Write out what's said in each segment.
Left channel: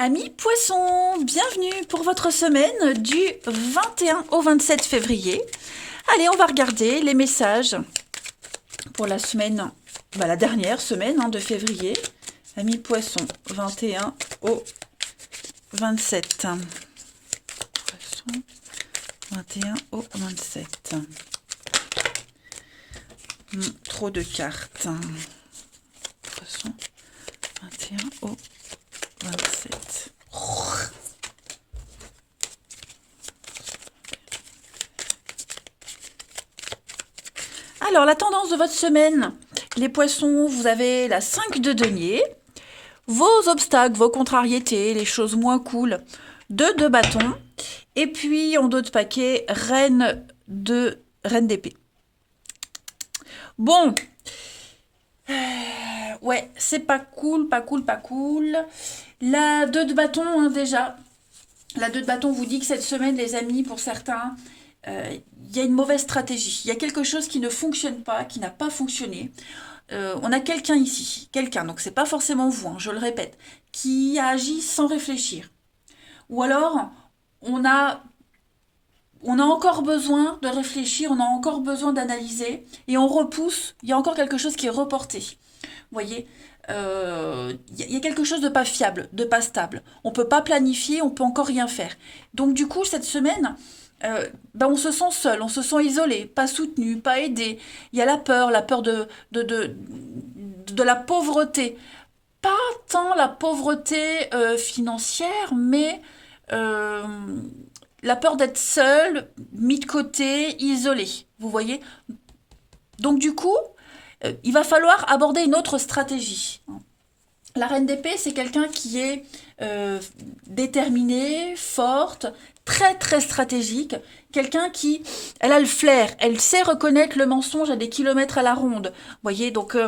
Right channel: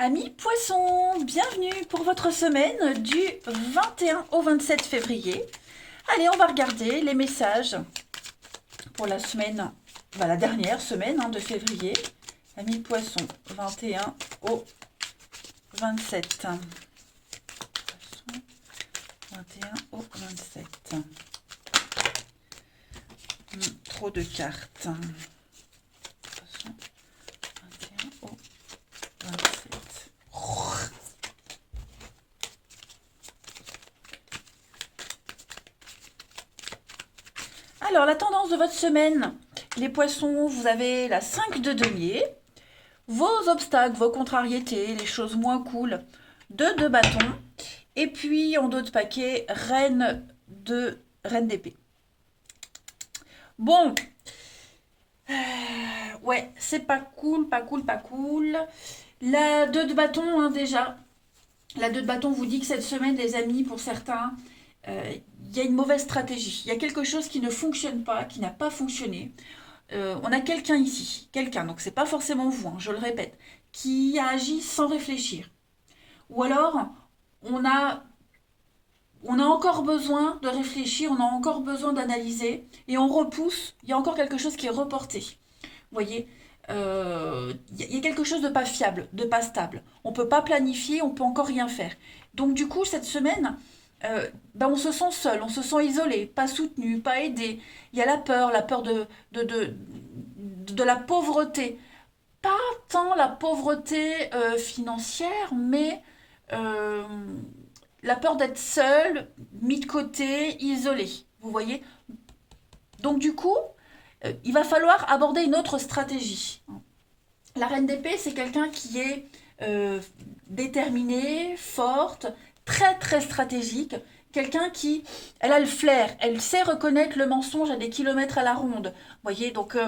Amis poissons, bienvenue pour votre semaine du 21 au 27 février. Allez, on va regarder les messages pour la semaine, la dernière semaine de février. Amis poissons, 21 au 27. Poissons, 21 au 27. Trop de cartes. Poissons, 21 au 27. Alors, la tendance de votre semaine, les poissons, vous avez la 5 de denier, vos obstacles, vos contrariétés, les choses moins cool, 2 de bâton, et puis en dos de paquet, reine d'épée. Bon, ouais, c'est pas cool, pas cool, pas cool. La 2 de bâton, déjà. La 2 de bâton vous dit que cette semaine, les amis, pour certains, il y a une mauvaise stratégie. Il y a quelque chose qui ne fonctionne pas, qui n'a pas fonctionné. On a quelqu'un ici, donc c'est pas forcément vous, je le répète, qui a agi sans réfléchir. Ou alors, on a encore besoin de réfléchir, on a encore besoin d'analyser, et on repousse, il y a encore quelque chose qui est reporté. Vous voyez, y a quelque chose de pas fiable, de pas stable. On peut pas planifier, on peut encore rien faire. Donc du coup, cette semaine, on se sent seul, on se sent isolé, pas soutenu, pas aidé. Il y a la peur de la pauvreté. Pas tant la pauvreté financière, mais la peur d'être seul, mis de côté, isolé. Vous voyez? Donc du coup, il va falloir aborder une autre stratégie. La reine d'épée, c'est quelqu'un qui est déterminée, forte, très très stratégique. Quelqu'un qui, elle a le flair, elle sait reconnaître le mensonge à des kilomètres à la ronde. Vous voyez, donc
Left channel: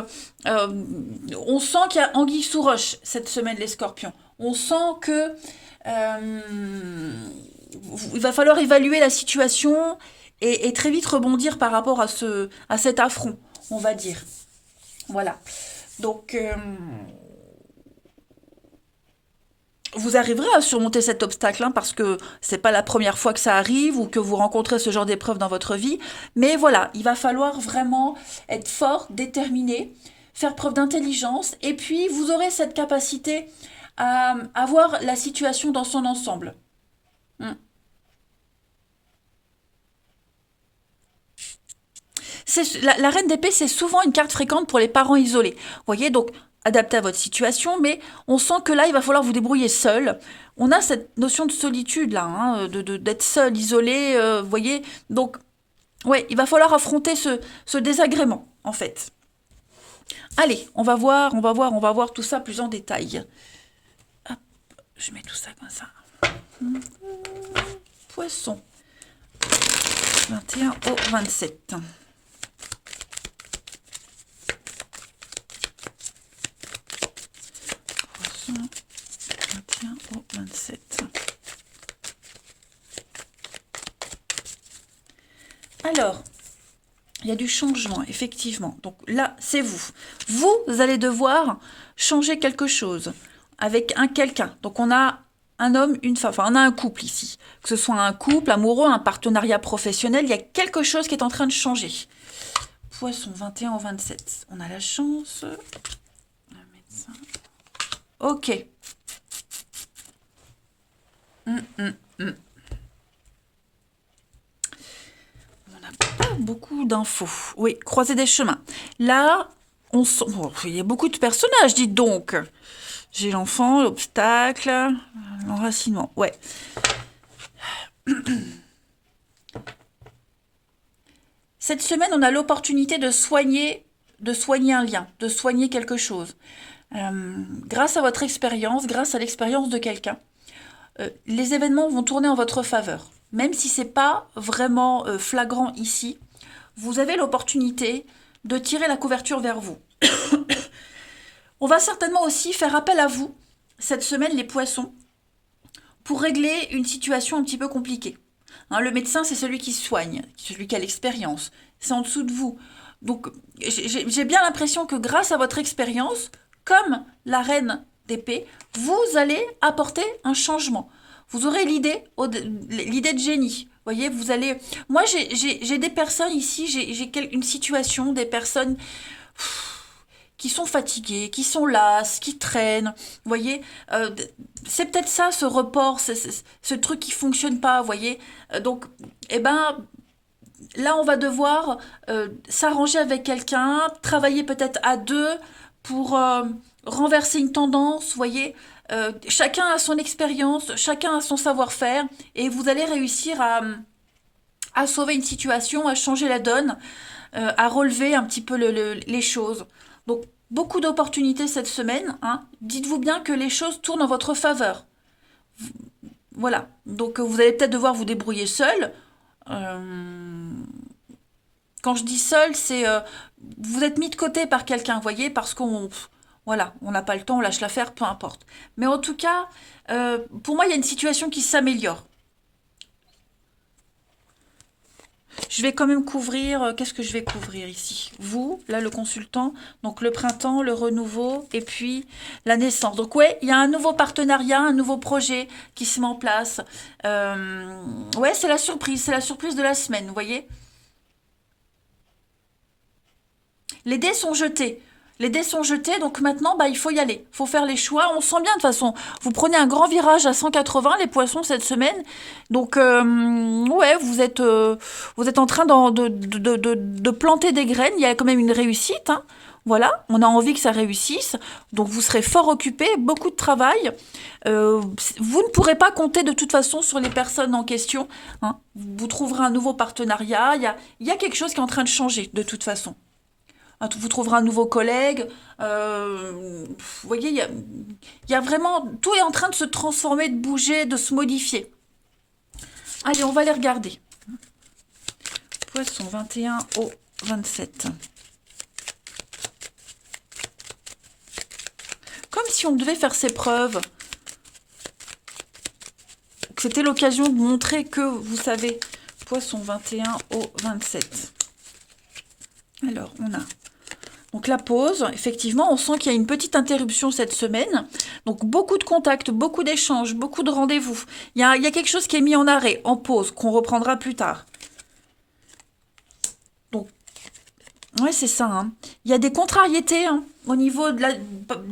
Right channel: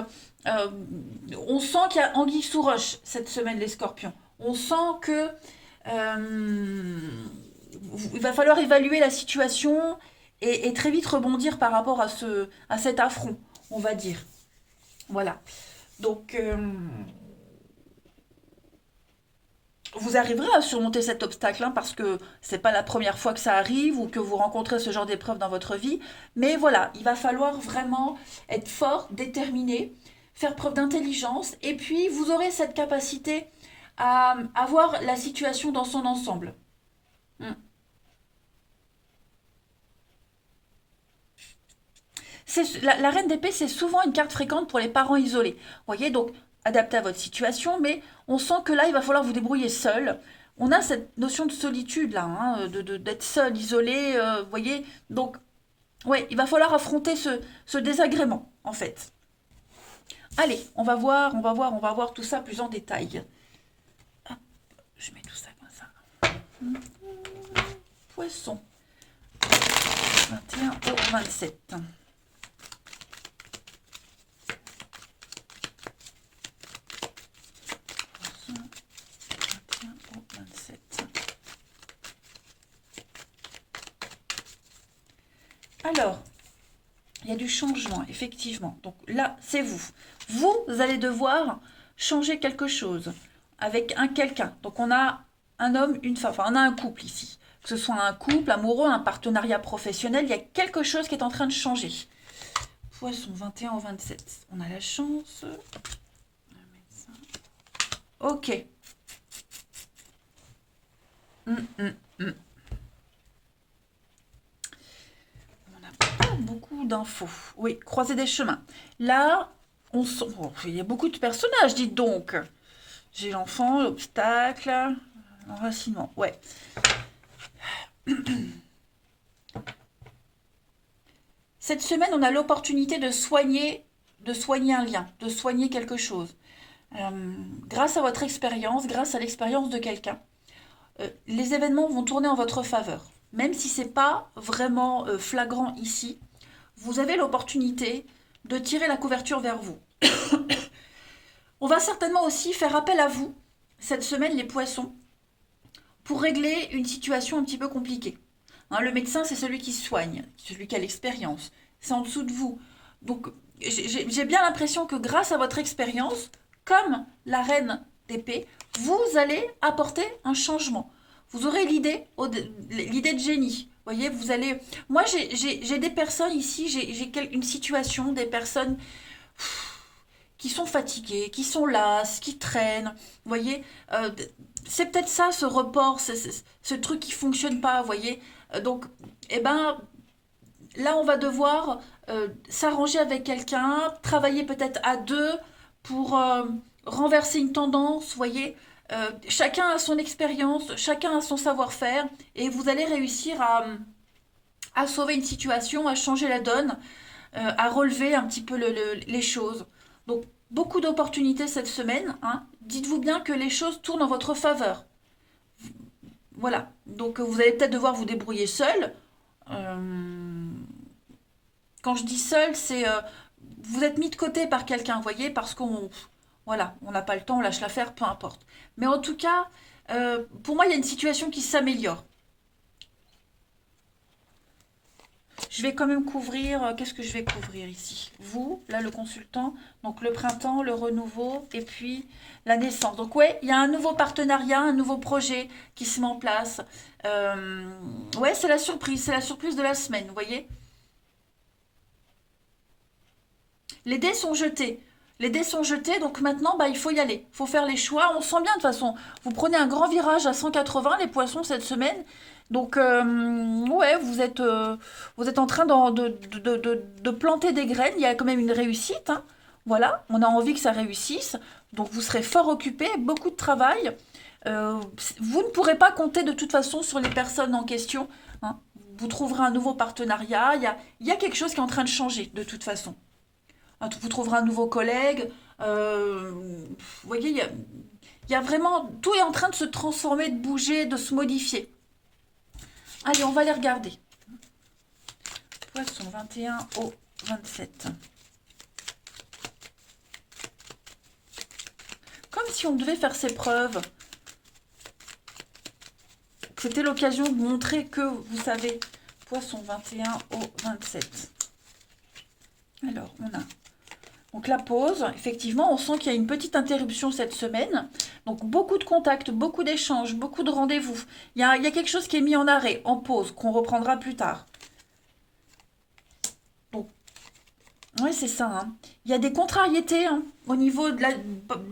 on sent qu'il y a anguille sous roche cette semaine, les scorpions. On sent que il va falloir évaluer la situation et très vite rebondir par rapport à cet affront, on va dire. Voilà. Donc, vous arriverez à surmonter cet obstacle, parce que c'est pas la première fois que ça arrive ou que vous rencontrez ce genre d'épreuve dans votre vie. Mais voilà, il va falloir vraiment être fort, déterminé, faire preuve d'intelligence, et puis vous aurez cette capacité à voir la situation dans son ensemble. Hmm. La reine d'épée, c'est souvent une carte fréquente pour les parents isolés. Vous voyez, donc adapté à votre situation, mais on sent que là, il va falloir vous débrouiller seul. On a cette notion de solitude là, d'être seul, isolé, vous voyez. Donc, ouais, il va falloir affronter ce désagrément, en fait. Allez, on va voir tout ça plus en détail. Hop, je mets tout ça comme ça. Poisson. 21 au 27. Poisson. 21 au 27. Alors, il y a du changement, effectivement. Donc là, c'est vous. Vous allez devoir changer quelque chose avec un quelqu'un. Donc on a un homme, une femme, enfin on a un couple ici. Que ce soit un couple amoureux, un partenariat professionnel, il y a quelque chose qui est en train de changer. Poisson, 21 au 27. On a la chance. On va mettre ça. Ok. Beaucoup d'infos. Oui, croiser des chemins. Là, il y a beaucoup de personnages, dites donc. J'ai l'enfant, l'obstacle, l'enracinement. Ouais. Cette semaine, on a l'opportunité de soigner un lien, de soigner quelque chose. Grâce à votre expérience, grâce à l'expérience de quelqu'un, les événements vont tourner en votre faveur. Même si c'est pas vraiment flagrant ici, vous avez l'opportunité de tirer la couverture vers vous. On va certainement aussi faire appel à vous, cette semaine, les poissons, pour régler une situation un petit peu compliquée. Le médecin, c'est celui qui soigne, celui qui a l'expérience. C'est en dessous de vous. Donc, j'ai bien l'impression que grâce à votre expérience, comme la reine d'épée, vous allez apporter un changement. Vous aurez l'idée de génie. Vous voyez, vous allez... Moi, j'ai des personnes ici, une situation, des personnes qui sont fatiguées, qui sont lasses, qui traînent. Vous voyez, c'est peut-être ça, ce report, ce truc qui fonctionne pas, vous voyez. Donc, eh ben, là, on va devoir s'arranger avec quelqu'un, travailler peut-être à deux pour renverser une tendance, vous voyez. Chacun a son expérience, chacun a son savoir-faire, et vous allez réussir à sauver une situation, à changer la donne, à relever un petit peu les choses. Donc, beaucoup d'opportunités cette semaine, hein. Dites-vous bien que les choses tournent en votre faveur. Voilà. Donc, vous allez peut-être devoir vous débrouiller seul. Euh, Quand je dis seul, c'est vous êtes mis de côté par quelqu'un, vous voyez, parce qu'on voilà, on n'a pas le temps, on lâche l'affaire, peu importe. Mais en tout cas, pour moi, il y a une situation qui s'améliore. Je vais quand même couvrir, qu'est-ce que je vais couvrir ici? Vous, là, le consultant, donc le printemps, le renouveau, et puis la naissance. Donc ouais, il y a un nouveau partenariat, un nouveau projet qui se met en place. Ouais, c'est la surprise de la semaine, vous voyez? Les dés sont jetés. Les dés sont jetés, donc maintenant, bah, il faut y aller. Il faut faire les choix. On sent bien de toute façon. Vous prenez un grand virage à 180, les poissons, cette semaine. Donc, ouais, vous êtes en train de planter des graines. Il y a quand même une réussite, hein. Voilà, on a envie que ça réussisse. Donc, vous serez fort occupé, beaucoup de travail. Euh, Vous ne pourrez pas compter de toute façon sur les personnes en question, hein. Vous trouverez un nouveau partenariat. Il y a quelque chose qui est en train de changer, de toute façon. Vous trouverez un nouveau collègue. Vous voyez, il y a vraiment... Tout est en train de se transformer, de bouger, de se modifier. Allez, on va les regarder. Poisson 21 au 27. Comme si on devait faire ses preuves. C'était l'occasion de montrer que vous savez. Poisson 21 au 27. Alors, on a... Donc la pause, effectivement, on sent qu'il y a une petite interruption cette semaine. Donc beaucoup de contacts, beaucoup d'échanges, beaucoup de rendez-vous. Il y a quelque chose qui est mis en arrêt, en pause, qu'on reprendra plus tard. Donc, ouais, c'est ça, hein. Il y a des contrariétés, hein, au niveau de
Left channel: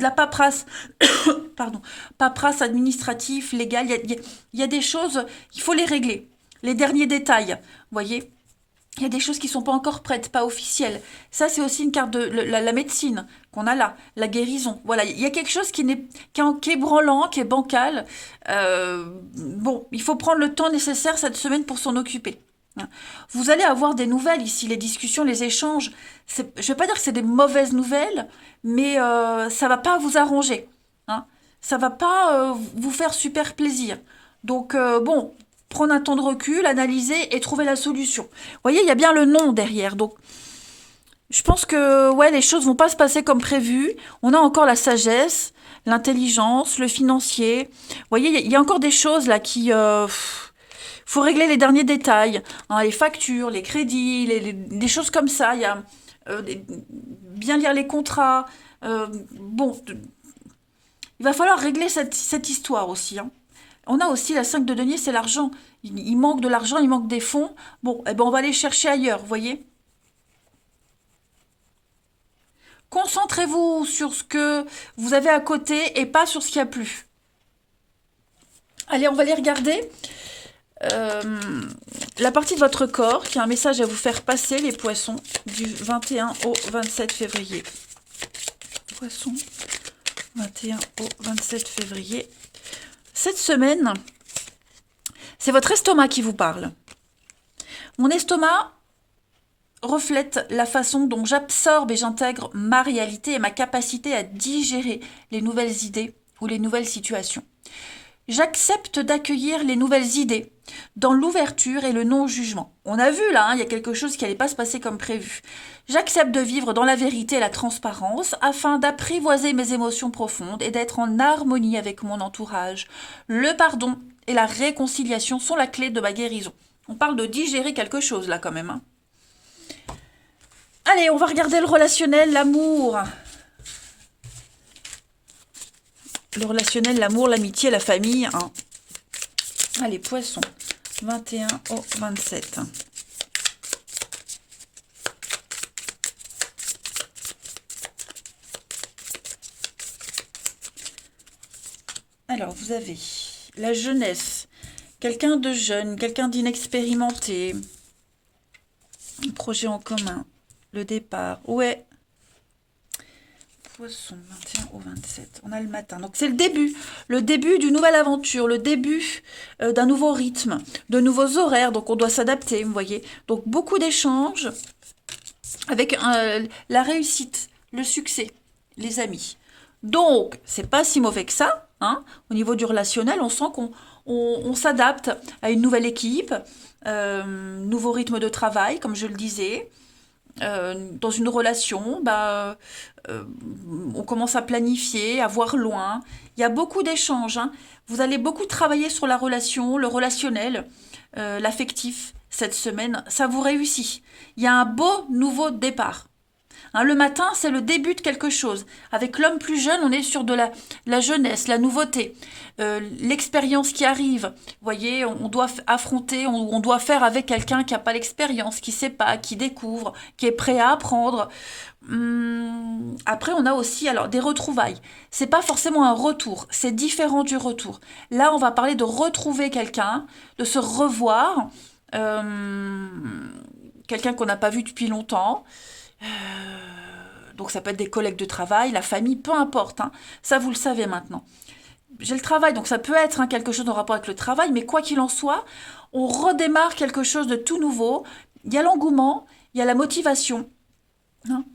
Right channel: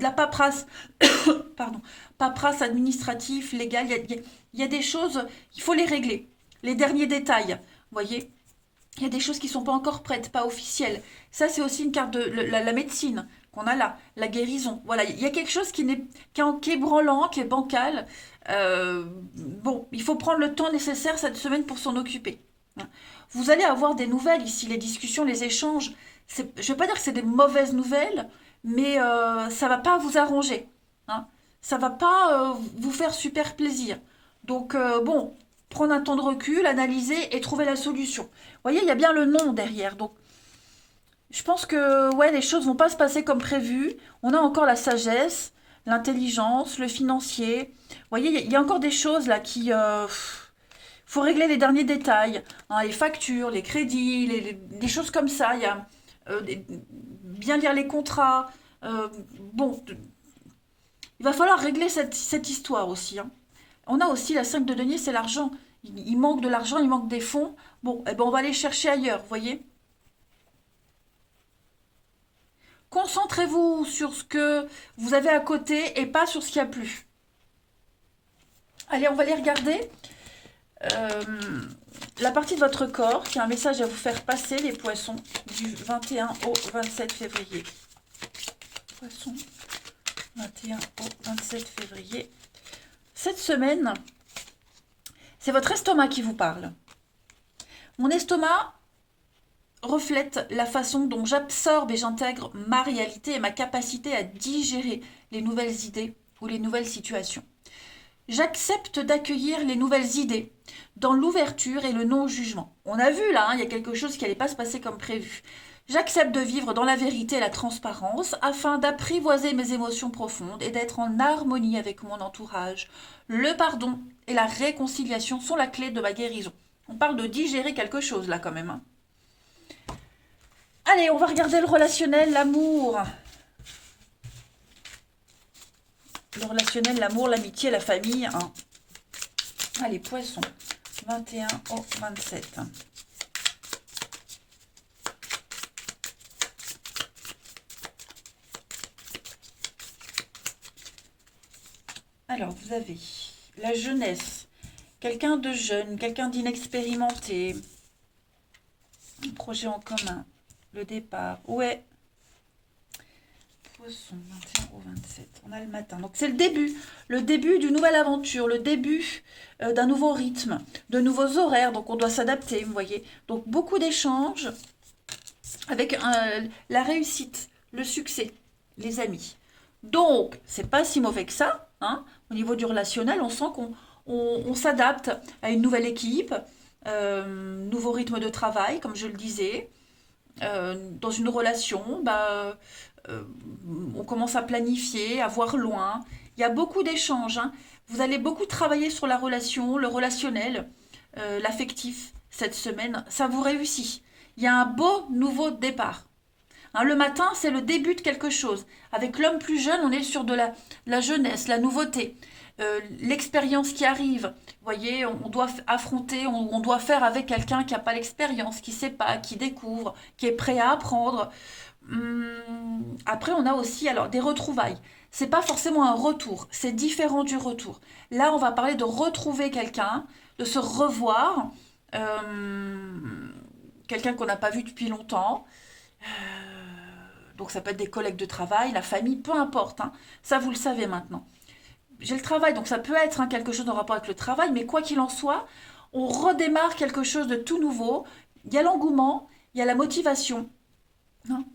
la paperasse, pardon, paperasse administrative, légale. Il y a des choses, il faut les régler. Les derniers détails, vous voyez. Il y a des choses qui ne sont pas encore prêtes, pas officielles. Ça, c'est aussi une carte de la médecine qu'on a là, la guérison. Voilà, il y a quelque chose qui est branlant, qui est bancal. Bon, il faut prendre le temps nécessaire cette semaine pour s'en occuper. Vous allez avoir des nouvelles ici, les discussions, les échanges. Je ne vais pas dire que c'est des mauvaises nouvelles, mais ça ne va pas vous arranger, hein. Ça ne va pas vous faire super plaisir. Donc, bon, prendre un temps de recul, analyser et trouver la solution. Vous voyez, il y a bien le nom derrière. Donc, je pense que ouais, les choses vont pas se passer comme prévu. On a encore la sagesse, l'intelligence, le financier. Vous voyez, il y a encore des choses là qui... faut régler les derniers détails, hein, les factures, les crédits, des choses comme ça. Il y a bien lire les contrats. Bon, il va falloir régler cette histoire aussi, hein. On a aussi la 5 de denier, c'est l'argent. Il manque de l'argent, il manque des fonds. Bon, eh ben on va aller chercher ailleurs, vous voyez. Concentrez-vous sur ce que vous avez à côté et pas sur ce qu'il n'y a plus. Allez, on va aller regarder euh, la partie de votre corps qui a un message à vous faire passer, les poissons, du 21 au 27 février. Poissons, 21 au 27 février. Cette semaine, c'est votre estomac qui vous parle. Mon estomac reflète la façon dont j'absorbe et j'intègre ma réalité et ma capacité à digérer les nouvelles idées ou les nouvelles situations. J'accepte d'accueillir les nouvelles idées dans l'ouverture et le non-jugement. On a vu là, hein, il y a quelque chose qui n'allait pas se passer comme prévu. J'accepte de vivre dans la vérité et la transparence afin d'apprivoiser mes émotions profondes et d'être en harmonie avec mon entourage. Le pardon et la réconciliation sont la clé de ma guérison. On parle de digérer quelque chose là quand même, hein. Allez, on va regarder le relationnel, l'amour. le relationnel, l'amour, l'amitié, la famille. Hein. Allez, poisson, 21 au 27. Alors, vous avez la jeunesse, quelqu'un de jeune, quelqu'un d'inexpérimenté, un projet en commun, le départ, ouais. Poisson, 21 au 27, on a le matin. Donc, c'est le début d'une nouvelle aventure, le début d'un nouveau rythme, de nouveaux horaires, donc on doit s'adapter, vous voyez. Donc, beaucoup d'échanges avec la réussite, le succès, les amis. Donc, c'est pas si mauvais que ça. Hein. Au niveau du relationnel, on sent qu'on s'adapte à une nouvelle équipe, nouveau rythme de travail, comme je le disais. Dans une relation, on commence à planifier, à voir loin. Il y a beaucoup d'échanges. Hein. Vous allez beaucoup travailler sur la relation, le relationnel, l'affectif cette semaine. Ça vous réussit. Il y a un beau nouveau départ. Hein, le matin, c'est le début de quelque chose. Avec l'homme plus jeune, on est sur de la jeunesse, la nouveauté, l'expérience qui arrive. Vous voyez, on doit affronter, on doit faire avec quelqu'un qui n'a pas l'expérience, qui ne sait pas, qui découvre, qui est prêt à apprendre. Après, on a aussi alors des retrouvailles. C'est pas forcément un retour, c'est différent du retour. Là, on va parler de retrouver quelqu'un, de se revoir, quelqu'un qu'on n'a pas vu depuis longtemps. Donc ça peut être des collègues de travail, la famille, peu importe. Hein. Ça, vous le savez maintenant. J'ai le travail, donc ça peut être quelque chose en rapport avec le travail, mais quoi qu'il en soit, on redémarre quelque chose de tout nouveau. Il y a l'engouement, il y a la motivation. Hein,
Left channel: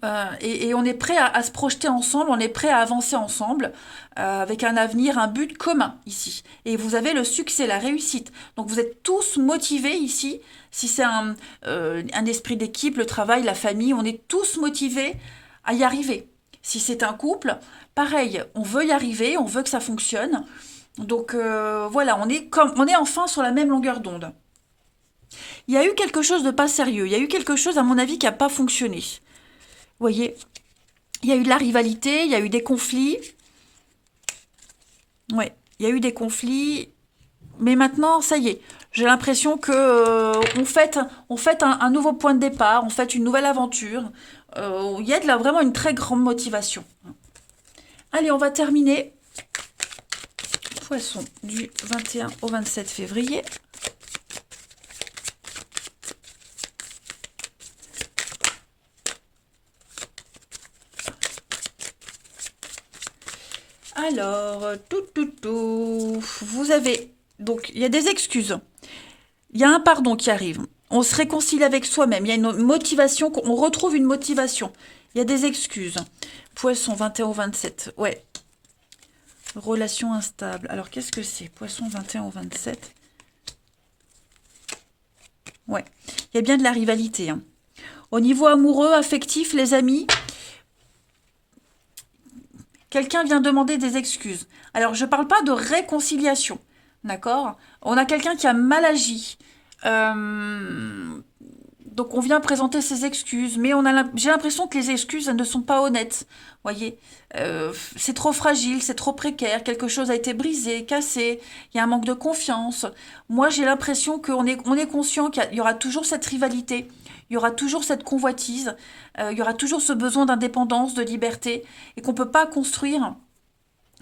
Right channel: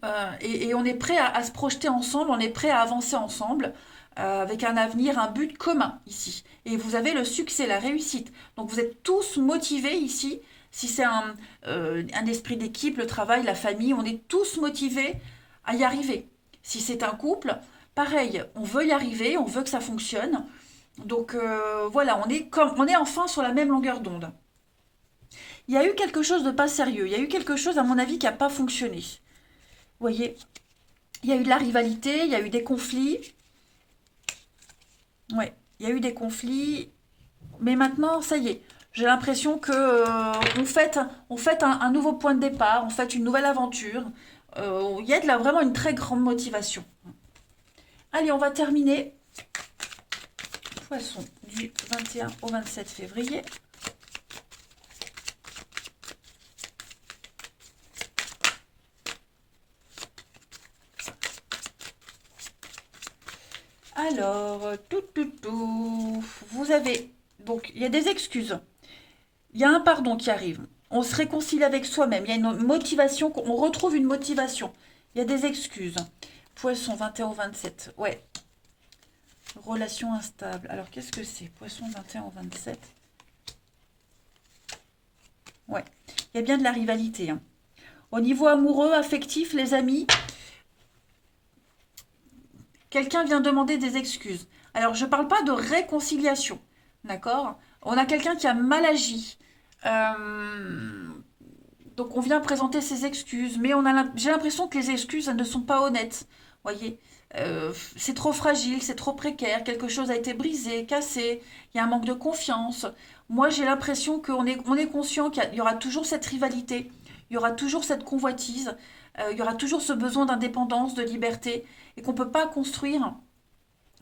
et on est prêt à se projeter ensemble, on est prêt à avancer ensemble avec un avenir, un but commun ici. Et vous avez le succès, la réussite. Donc vous êtes tous motivés ici. Si c'est un esprit d'équipe, le travail, la famille, on est tous motivés à y arriver. Si c'est un couple, pareil, on veut y arriver, on veut que ça fonctionne. Donc voilà, on est enfin sur la même longueur d'onde. Il y a eu quelque chose de pas sérieux, il y a eu quelque chose à mon avis qui n'a pas fonctionné. Vous voyez, il y a eu de la rivalité, il y a eu des conflits. Ouais, il y a eu des conflits. Mais maintenant, ça y est, j'ai l'impression que on fait un nouveau point de départ, on fait une nouvelle aventure. Il y a vraiment une très grande motivation. Allez, on va terminer. Poisson du 21 au 27 février. Alors, vous avez, donc, il y a des excuses. Il y a un pardon qui arrive. On se réconcilie avec soi-même. Il y a une motivation, on retrouve une motivation. Il y a des excuses. Poisson 21 au 27. Ouais. Relation instable. Alors, qu'est-ce que c'est? Poisson 21 au 27. Ouais. Il y a bien de la rivalité. Hein. Au niveau amoureux, affectif, les amis, quelqu'un vient demander des excuses. Alors, je ne parle pas de réconciliation. D'accord? On a quelqu'un qui a mal agi. Donc, on vient présenter ses excuses. Mais j'ai l'impression que les excuses, elles ne sont pas honnêtes. Voyez, c'est trop fragile, c'est trop précaire. Quelque chose a été brisé, cassé. Il y a un manque de confiance. Moi, j'ai l'impression qu'on est conscient qu'il y aura toujours cette rivalité. Il y aura toujours cette convoitise. Il y aura toujours ce besoin d'indépendance, de liberté. Et qu'on ne peut pas construire...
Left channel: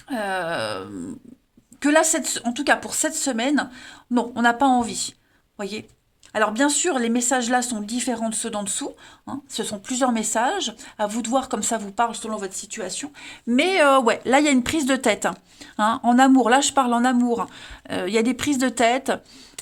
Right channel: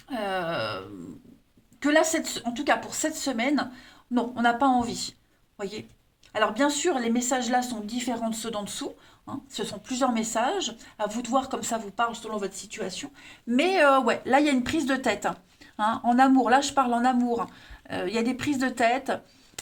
que là, en tout cas pour cette semaine, non, on n'a pas envie. Voyez. Alors bien sûr, les messages là sont différents de ceux d'en dessous. Hein. Ce sont plusieurs messages. À vous de voir comme ça vous parle selon votre situation. Mais ouais, là il y a une prise de tête. Hein. En amour, là je parle en amour. Il y a des prises de tête.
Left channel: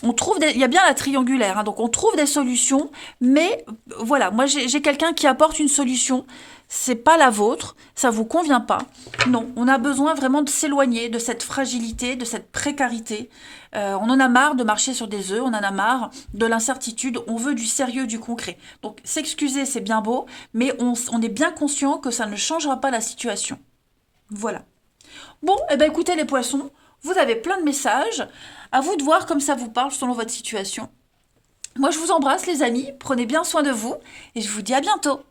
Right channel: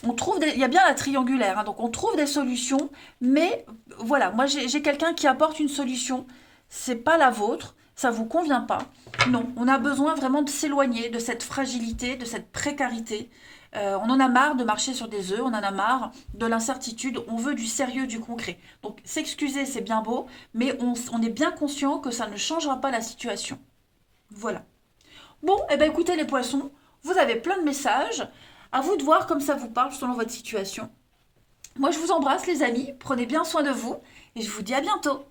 Il y a bien la triangulaire. Hein. Donc on trouve des solutions. Mais voilà, moi j'ai quelqu'un qui apporte une solution. C'est pas la vôtre, ça vous convient pas. Non, on a besoin vraiment de s'éloigner de cette fragilité, de cette précarité. On en a marre de marcher sur des œufs, on en a marre de l'incertitude, on veut du sérieux, du concret. Donc s'excuser, c'est bien beau, mais on est bien conscient que ça ne changera pas la situation. Voilà. Bon, eh bien écoutez les poissons, vous avez plein de messages. À vous de voir comme ça vous parle selon votre situation. Moi je vous embrasse les amis, prenez bien soin de vous et je vous dis à bientôt.